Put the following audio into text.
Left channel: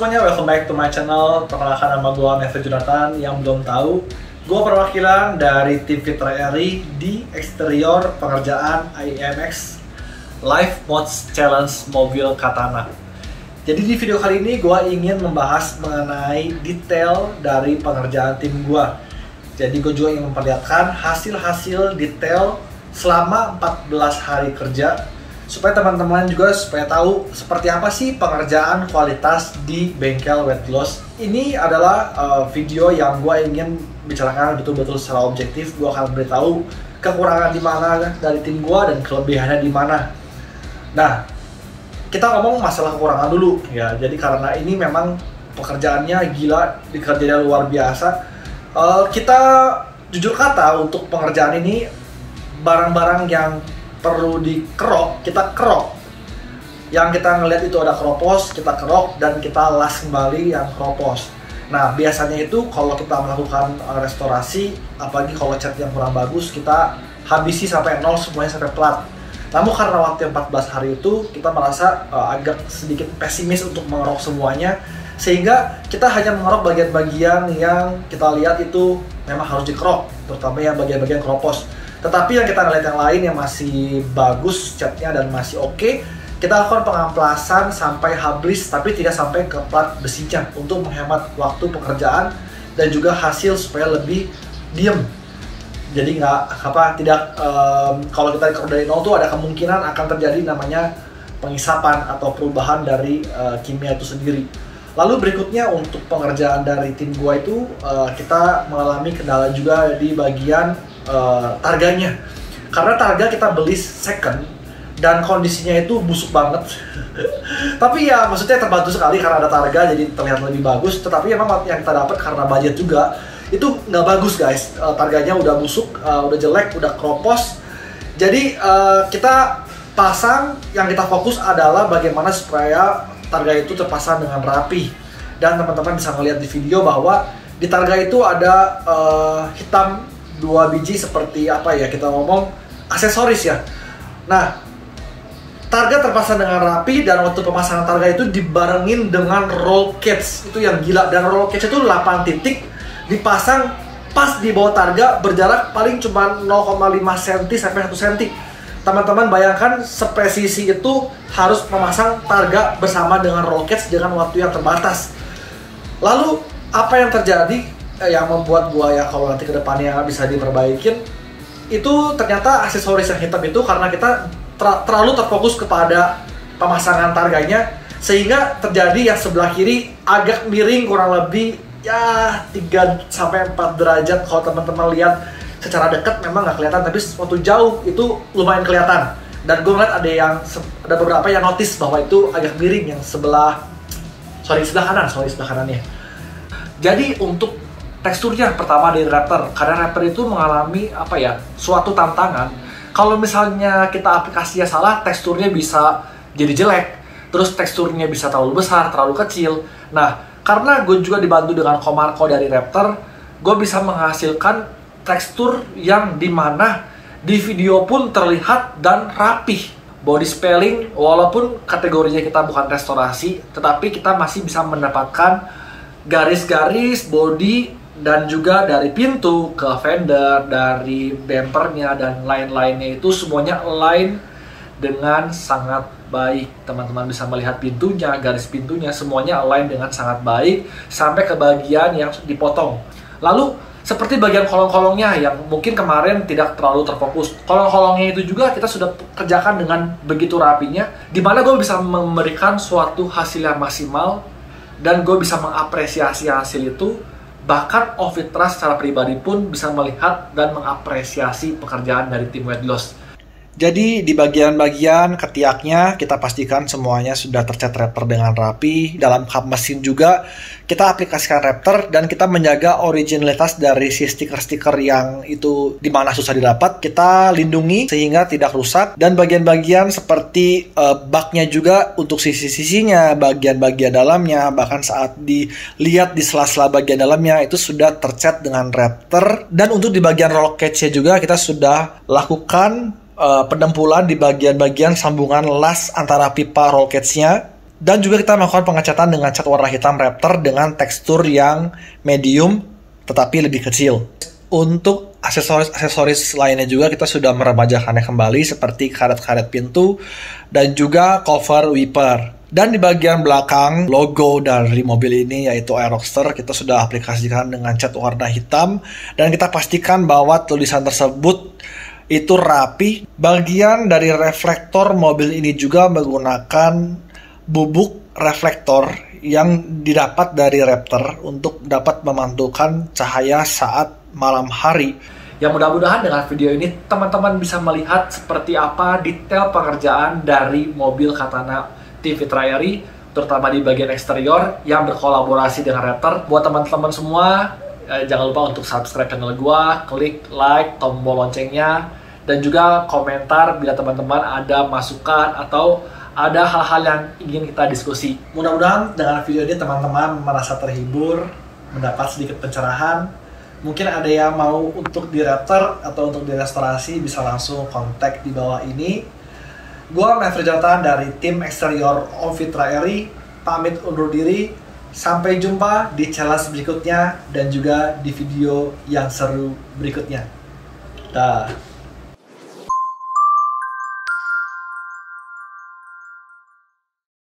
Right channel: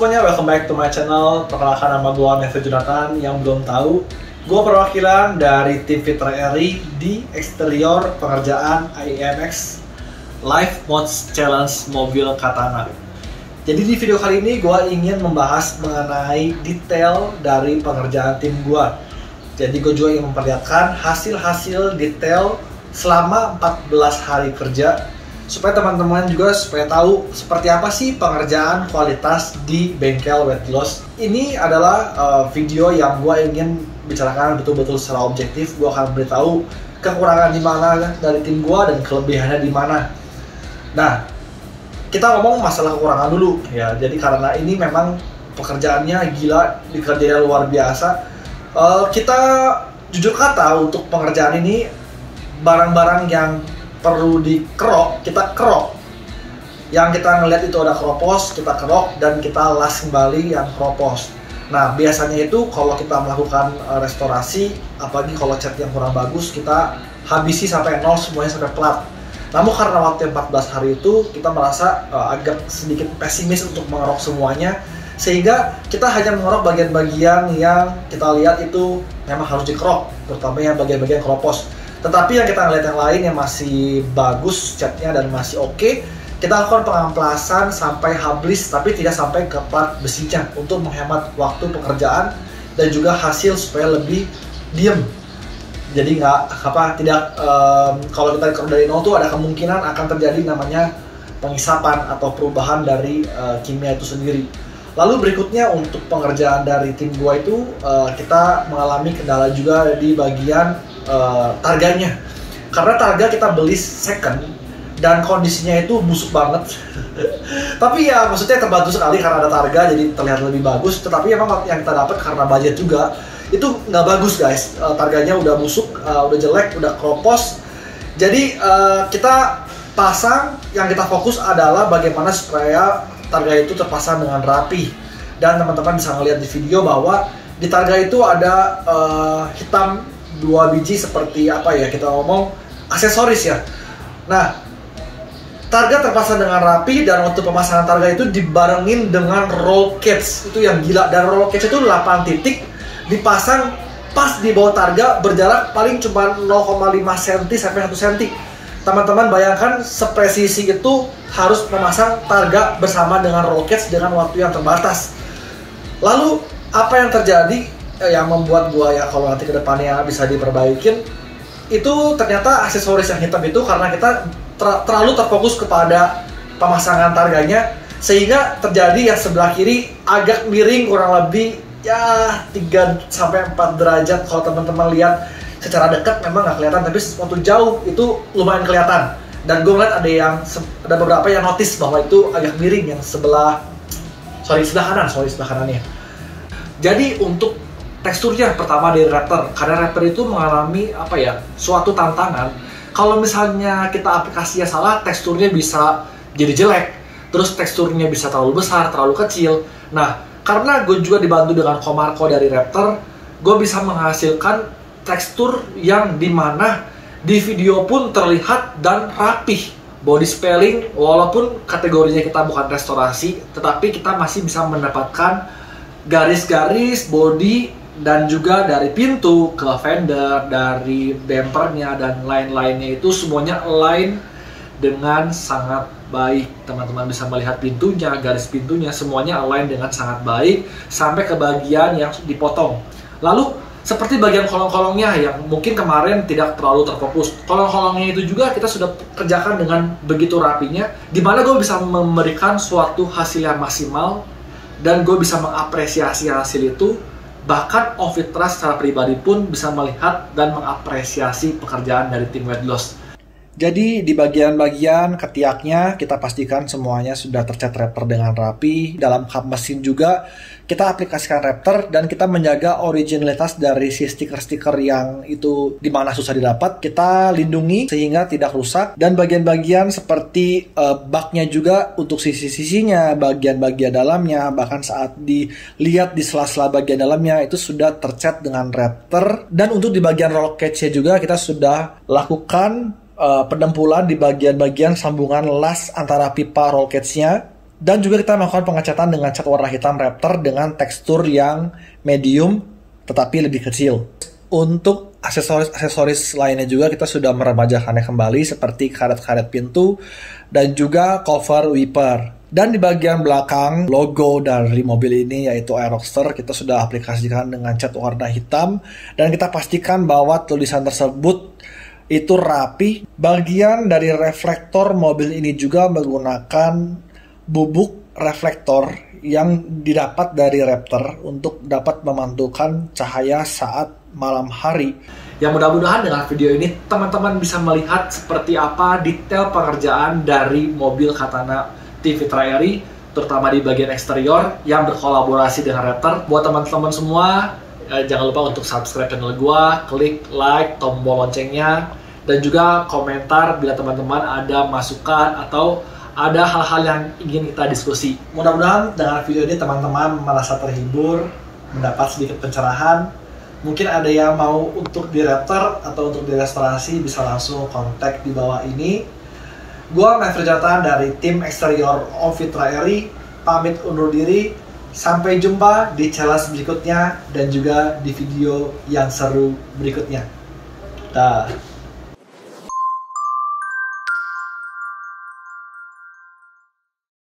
semuanya, welcome back to my channel. Perkenalkan, nama gue Nevo Jonathan. Yang belum tahu, gue perwakilan dari tim Fitra Eri di eksterior pengerjaan IMX Live Mods Challenge mobil Katana. Jadi di video kali ini gue ingin membahas mengenai detail dari pengerjaan tim gue. Jadi gue juga ingin memperlihatkan hasil-hasil detail selama 14 hari kerja, supaya teman-teman juga supaya tahu seperti apa sih pengerjaan kualitas di bengkel Wet Gloss. Ini adalah video yang gue ingin bicarakan betul-betul secara objektif. Gue akan beritahu kekurangan di mana dari tim gue dan kelebihannya di mana. Nah, kita ngomong masalah kekurangan dulu ya. Jadi karena ini memang pekerjaannya gila, dikerjain luar biasa. Kita jujur kata untuk pengerjaan ini barang-barang yang perlu dikerok, kita kerok. Yang kita ngelihat itu ada keropos, kita kerok dan kita las kembali yang keropos. Nah, biasanya itu kalau kita melakukan restorasi, apalagi kalau cat yang kurang bagus, kita habisi sampai nol, semuanya sampai plat. Namun karena waktu 14 hari itu, kita merasa agak sedikit pesimis untuk mengerok semuanya, sehingga kita hanya mengerok bagian-bagian yang kita lihat itu memang harus dikerok, terutama yang bagian-bagian keropos. Tetapi yang kita ngeliat yang lain yang masih bagus catnya dan masih oke, kita lakukan pengamplasan sampai habis, tapi tidak sampai ke plat besinya untuk menghemat waktu pekerjaan dan juga hasil supaya lebih diem. Jadi kalau kita dikerok dari nol tuh ada kemungkinan akan terjadi namanya pengisapan atau perubahan dari kimia itu sendiri. Lalu berikutnya untuk pengerjaan dari tim gua itu kita mengalami kendala juga di bagian targanya, karena targa kita beli second dan kondisinya itu busuk banget. Tapi ya maksudnya terbantu sekali karena ada targa, jadi terlihat lebih bagus. Tetapi emang yang kita dapat karena budget juga itu nggak bagus guys. Targanya udah busuk, udah jelek, udah keropos. Jadi kita pasang, yang kita fokus adalah bagaimana supaya targa itu terpasang dengan rapi. Dan teman-teman bisa melihat di video bahwa di targa itu ada hitam 2 biji seperti apa ya, kita ngomong aksesoris ya. Nah, targa terpasang dengan rapi dan waktu pemasangan targa itu dibarengin dengan roll cage. Itu yang gila, dan roll cage itu 8 titik dipasang pas di bawah targa, berjarak paling cuma 0,5 cm sampai 1 cm. Teman-teman bayangkan sepresisi itu harus memasang targa bersama dengan roll cage dengan waktu yang terbatas. Lalu apa yang terjadi yang membuat gua ya kalau nanti kedepannya bisa diperbaikin itu ternyata aksesoris yang hitam itu karena kita terlalu terfokus kepada pemasangan targanya, sehingga terjadi yang sebelah kiri agak miring kurang lebih ya 3-4 derajat. Kalau teman-teman lihat secara dekat memang nggak kelihatan, tapi waktu jauh itu lumayan kelihatan. Dan gue ngeliat ada beberapa yang notice bahwa itu agak miring yang sebelah kanannya. Jadi untuk teksturnya pertama dari Raptor, karena Raptor itu mengalami suatu tantangan. Kalau misalnya kita aplikasinya salah, teksturnya bisa jadi jelek, terus teksturnya bisa terlalu besar, terlalu kecil. Nah, karena gue juga dibantu dengan Comarco dari Raptor, gue bisa menghasilkan tekstur yang dimana di video pun terlihat dan rapih. Body spelling, walaupun kategorinya kita bukan restorasi, tetapi kita masih bisa mendapatkan garis-garis body dan juga dari pintu ke fender, dari bumpernya dan lain-lainnya itu semuanya align dengan sangat baik. Teman-teman bisa melihat pintunya, garis pintunya semuanya align dengan sangat baik sampai ke bagian yang dipotong. Lalu seperti bagian kolong-kolongnya yang mungkin kemarin tidak terlalu terfokus. Kolong-kolongnya itu juga kita sudah kerjakan dengan begitu rapinya, dimana gue bisa memberikan suatu hasil yang maksimal dan gue bisa mengapresiasi hasil itu. Bahkan Ovitra secara pribadi pun bisa melihat dan mengapresiasi pekerjaan dari tim Wet Gloss. Jadi di bagian-bagian ketiaknya kita pastikan semuanya sudah tercat Raptor dengan rapi. Dalam kap mesin juga kita aplikasikan Raptor dan kita menjaga originalitas dari si stiker-stiker yang itu dimana susah didapat. Kita lindungi sehingga tidak rusak, dan bagian-bagian seperti baknya juga untuk sisi-sisinya, bagian-bagian dalamnya, bahkan saat dilihat di sela-sela bagian dalamnya itu sudah tercat dengan Raptor. Dan untuk di bagian roll cage-nya juga kita sudah lakukan pendempulan di bagian-bagian sambungan las antara pipa roll cage-nya Dan juga kita melakukan pengecatan dengan cat warna hitam Raptor dengan tekstur yang medium tetapi lebih kecil. Untuk aksesoris lainnya juga kita sudah meremajakannya kembali seperti karet-karet pintu dan juga cover wiper. Dan di bagian belakang logo dari mobil ini yaitu Aeroxter kita sudah aplikasikan dengan cat warna hitam dan kita pastikan bahwa tulisan tersebut itu rapi. Bagian dari reflektor mobil ini juga menggunakan bubuk reflektor yang didapat dari Raptor untuk dapat memantulkan cahaya saat malam hari. Yang mudah-mudahan dengan video ini teman-teman bisa melihat seperti apa detail pengerjaan dari mobil Katana Team Fitra Airy, terutama di bagian eksterior yang berkolaborasi dengan Raptor. Buat teman-teman semua, jangan lupa untuk subscribe channel gua, klik like, tombol loncengnya, dan juga komentar bila teman-teman ada masukan atau ada hal-hal yang ingin kita diskusi. Mudah-mudahan dengan video ini teman-teman merasa terhibur, mendapat sedikit pencerahan. Mungkin ada yang mau untuk di Raptor atau untuk direstorasi bisa langsung kontak di bawah ini. Gua Maverick Jonathan dari tim eksterior Om Fitra Airy pamit undur diri. Sampai jumpa di challenge berikutnya dan juga di video yang seru berikutnya. Dah.